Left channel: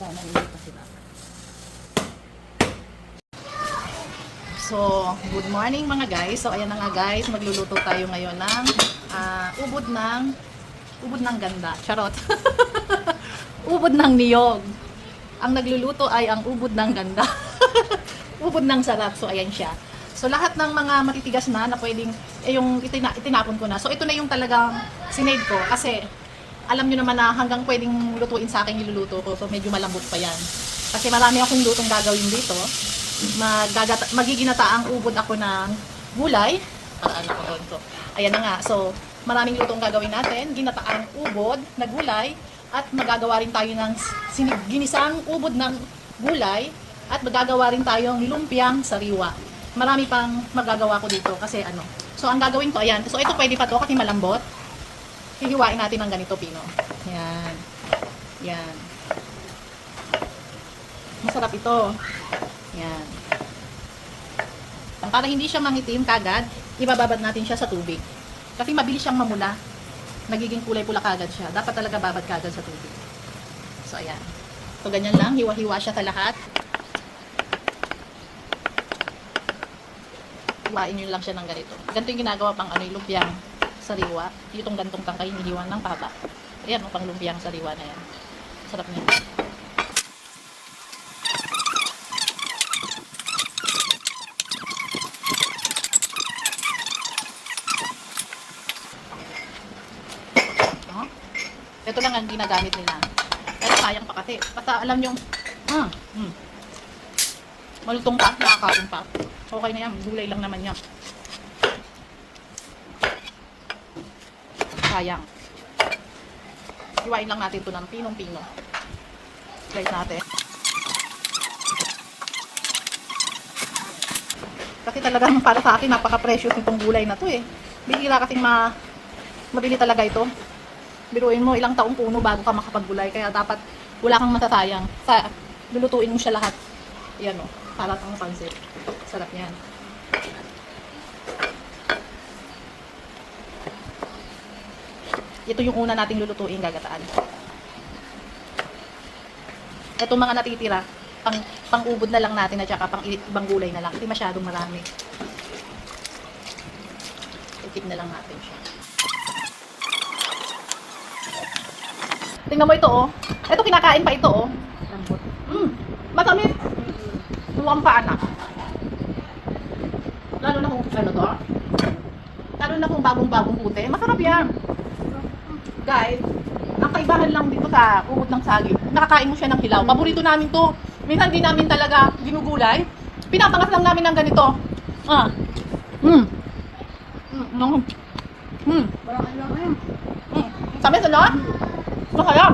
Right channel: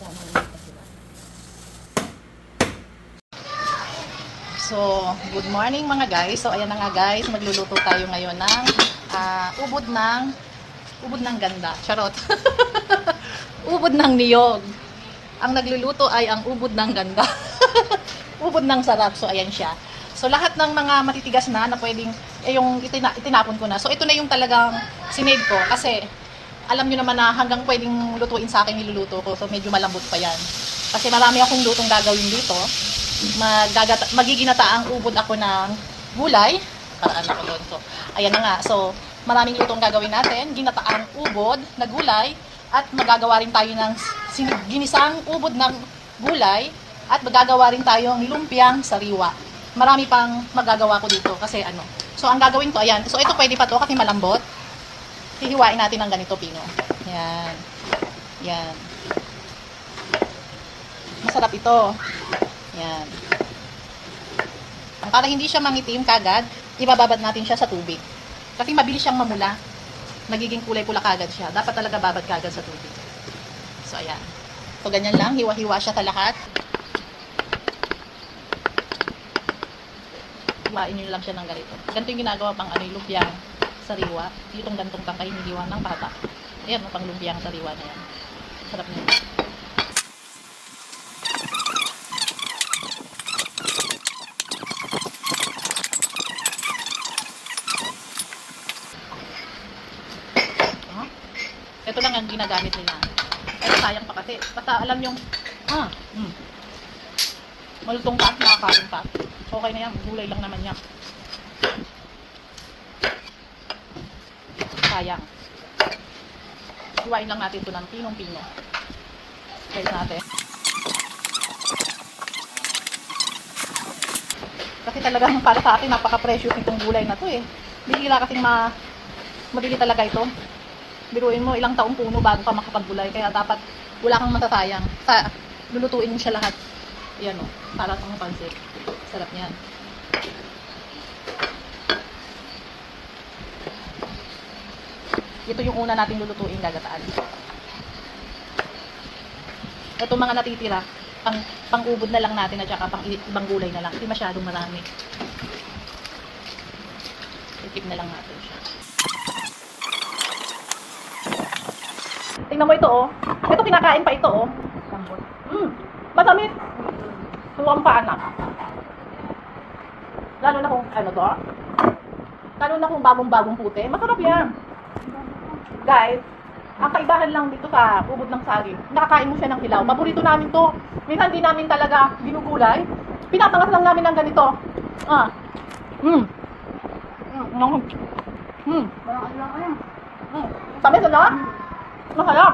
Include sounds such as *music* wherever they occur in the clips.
Sana na sila. So, good morning mga guys. So, ayan na nga guys, magluluto tayo ngayon ng ah, ubod ng ubod ng ganda. Charot. *laughs* ubod ng niyog. Ang nagluluto ay ang ubod ng ganda. *laughs* ubod ng sarap. So, ayan siya. So, lahat ng mga matitigas na na pwedeng, eh, yung itina, itinapon ko na. So, ito na yung talagang sinave ko. Kasi, alam nyo naman na hanggang pwedeng lutuin sa akin niluluto ko. So, medyo malambot pa yan. Kasi marami akong lutong gagawin dito. Magagata, magiginataang ubod ako ng gulay. Paraan ako doon. So, ayan na nga. So, maraming lutong gagawin natin. Ginataang ubod na gulay. At magagawa rin tayo ng ginisang ubod ng gulay. At magagawa rin tayong lumpiang sariwa. Marami pang magagawa ko dito kasi ano. So, ang gagawin ko, ayan. So, ito pwede pa to kasi malambot hihiwain natin ng ganito pino. Yan. Yan. Masarap ito. Yan. Para hindi siya mangitim kagad, ibababad natin siya sa tubig. Kasi mabilis siyang mamula. Nagiging kulay pula kagad siya. Dapat talaga babad kagad sa tubig. So, ayan. So, ganyan lang. Hiwa-hiwa siya sa lahat. Hiwain nyo lang siya ng ganito. Ganito yung ginagawa pang ano, yung lumpiang sariwa. Itong gantong tangkay, hinihiwa ng bata. Ayan, pang lumpiang sariwa na yan. Sarap niya. Ito lang ang ginagamit nila. Pero sayang pa kasi. Basta alam nyo, mm, mm. malutong pa, nakakain pa. Okay na yan, gulay lang naman yan. Sayang. Hiwain lang natin ito ng pinong-pino. Slice natin. Kasi talagang para sa akin, napaka-precious nitong gulay na to eh. Bihira kasing ma mabili talaga ito. Biruin mo ilang taong puno bago ka makapaggulay. Kaya dapat wala kang matatayang. Sa, lulutuin mo siya lahat. Yan o. Para pang pansit. Sarap niyan. Ito yung una nating lulutuin gagataan. Ito mga natitira, pang pang-ubod na lang natin at saka pang ibang gulay na lang. Hindi masyadong marami. Itip na lang natin siya. Tingnan mo ito oh. Ito kinakain pa ito oh. Lambot. Mm, matamis. Tuwang pa anak. Lalo na kung ano to. Lalo na kung bagong-bagong puti. Masarap yan. Guys, ang kaibahan lang dito sa ubod ng saging, nakakain mo siya ng hilaw. Paborito namin to. Minsan di namin talaga ginugulay. Pinapangas lang namin ng ganito. Ah. Mm. Mm. Mm. Mm. Parang ano. Tamis ano? Masaya.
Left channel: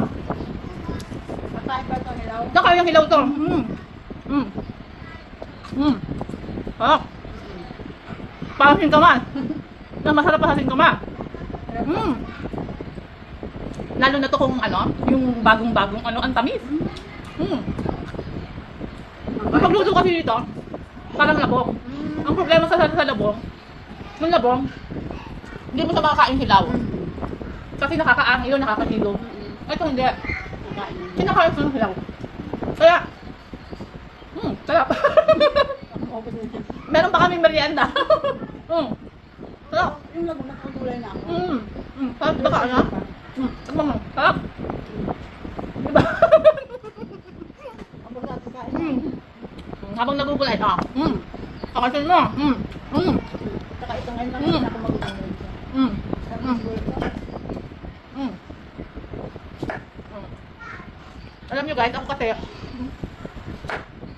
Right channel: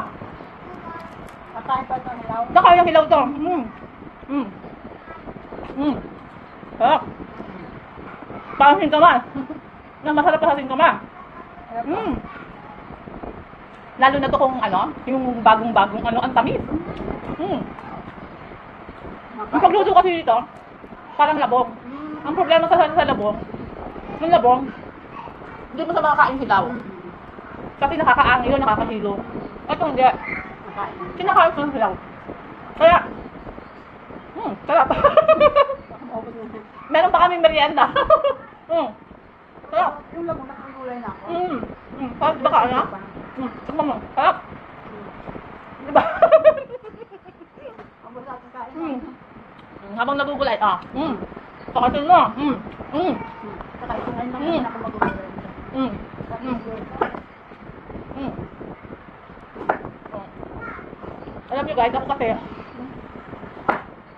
Makain pa ito nilaw. Saka yung hilaw to. Mm. Mm. Mm. Oh. Parang singkamas. Na masarap pa sa singkamas. Mm. Lalo na to kung ano, yung bagong-bagong ano, ang tamis. Mm. Ang pagluto kasi dito, parang labong. Ang problema sa, sa labong, yung labong, hindi mo sa makakain hilaw. Kasi nakakaangin yun, nakakahilo. Ito hindi. Kinakain ko ng hilaw. Kaya, hmm, sarap. *laughs* Meron pa kaming merienda. *laughs* hmm, sarap. Yung lago nakagulay na ako. Hmm, hmm, sarap baka ano? Mo, sarap. Diba? Hmm. Habang nagugulay ka. Hmm. Kakasin mo. Hmm. Hmm. Saka ito ngayon lang Mm. ako magugulay. Mm. ng gulay. Hmm. Alam nyo guys, ako kasi,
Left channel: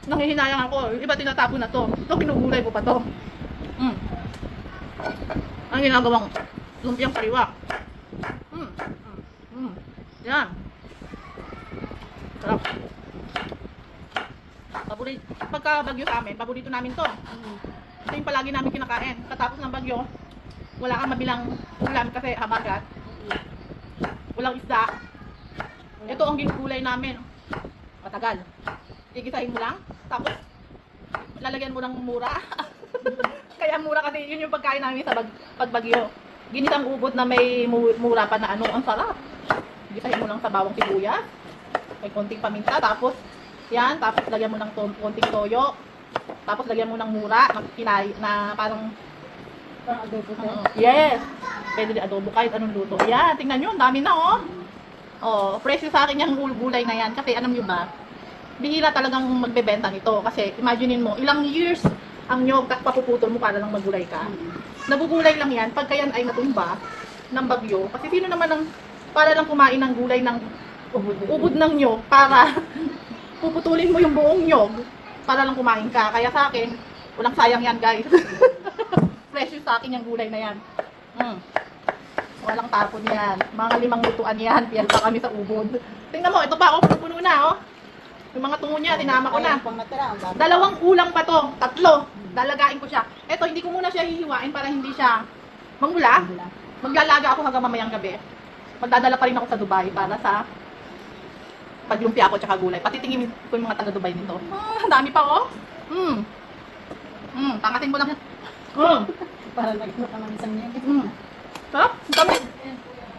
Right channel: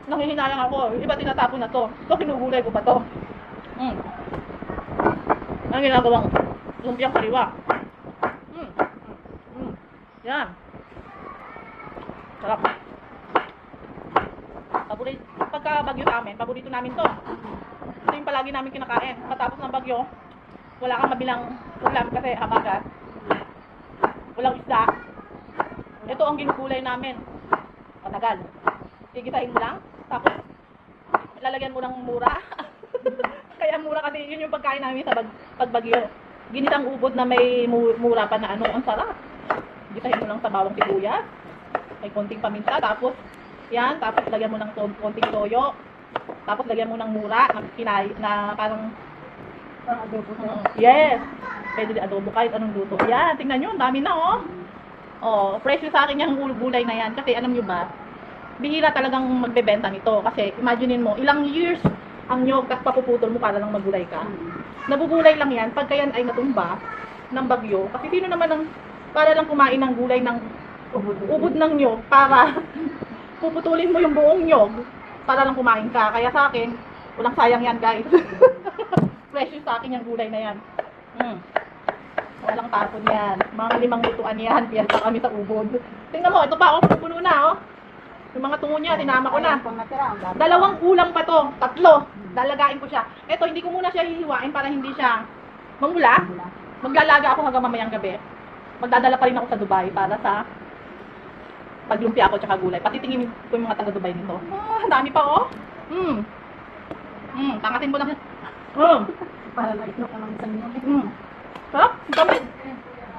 nangihinayang ako. Iba tinatapon na to. Ito, pinugulay ko pa to. Mm. Ang ginagawang lumpiang kariwa. Yan. Sarap. Paborito, pagka bagyo sa amin, paborito namin to. Ito yung palagi namin kinakain. Matapos ng bagyo, wala kang mabilang ulam kasi habagat. Walang isda. Ito ang ginukulay namin. Matagal. Tigisahin mo lang. Tapos, lalagyan mo ng mura. *laughs* Kaya mura kasi yun yung pagkain namin sa bag, pagbagyo. Ginisang ubod na may mu- mura pa na ano. Ang sarap. Gisahin mo lang sa bawang sibuyas. may konting paminta, tapos, yan, tapos lagyan mo ng to- konting toyo, tapos lagyan mo ng mura, na, pinay, na parang, Parang adobo sir. uh, yes, pwede din adobo kahit anong luto. Yan, tingnan nyo, ang dami na oh. Oh, presyo sa akin yung gul- gulay na yan, kasi alam nyo ba, bihira talagang magbebenta nito, kasi imaginein mo, ilang years ang nyog at papuputol mo para lang magulay ka. Nabubulay lang yan pagka yan ay natumba ng bagyo. Kasi sino naman ang para lang kumain ng gulay ng Ubod. ng nyog para puputulin mo yung buong nyog para lang kumain ka. Kaya sa akin, walang sayang yan guys. *laughs* Precious sa akin yung gulay na yan. Mm. Walang tapon yan. Mga limang lutuan yan. Piyal pa kami sa ubod. Tingnan mo, ito pa ako puno na oh. Yung mga tungo niya, tinama ko na. Dalawang kulang pa to. Tatlo. Lalagain ko siya. Eto, hindi ko muna siya hihiwain para hindi siya mamula. Maglalaga ako hanggang mamayang gabi. Magdadala pa rin ako sa Dubai para sa paglumpia ako tsaka gulay. Pati tingin ko yung mga taga Dubai nito. Ah, ang dami pa oh. Mm. Mm, tangatin ko lang. Mm. Para nagno ka ng isang niya. Mm. Sarap, tamis.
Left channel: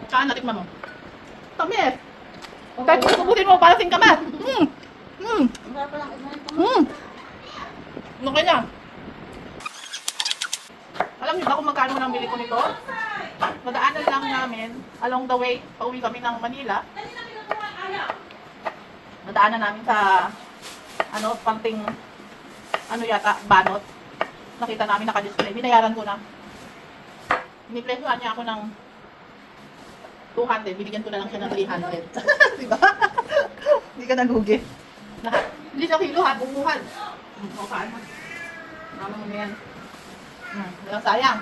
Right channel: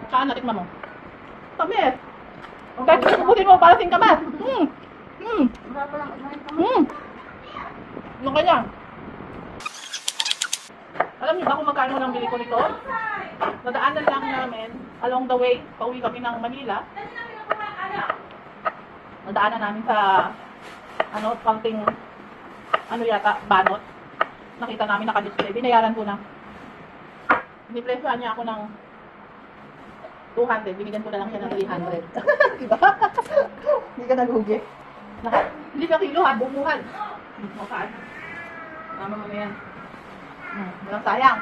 Saan natikman mo? Tamis. Kahit kung subutin mo, para sing kama. Mm. Mm. Lang, mo. Mm. Yung kanya. Alam niyo ba kung magkano lang bili ko nito? Nadaanan lang namin along the way, pauwi kami ng Manila. Nadaanan namin sa ano, panting ano yata, banot. Nakita namin naka-display. Binayaran ko na. Inipresyohan niya ako ng 200. Binigyan ko na lang siya ng 300. *laughs* diba? Hindi ka nagugi. Na- Hindi sa kilo ha, bumuhan. O, paano? Tama mo yan. Hmm, walang sayang.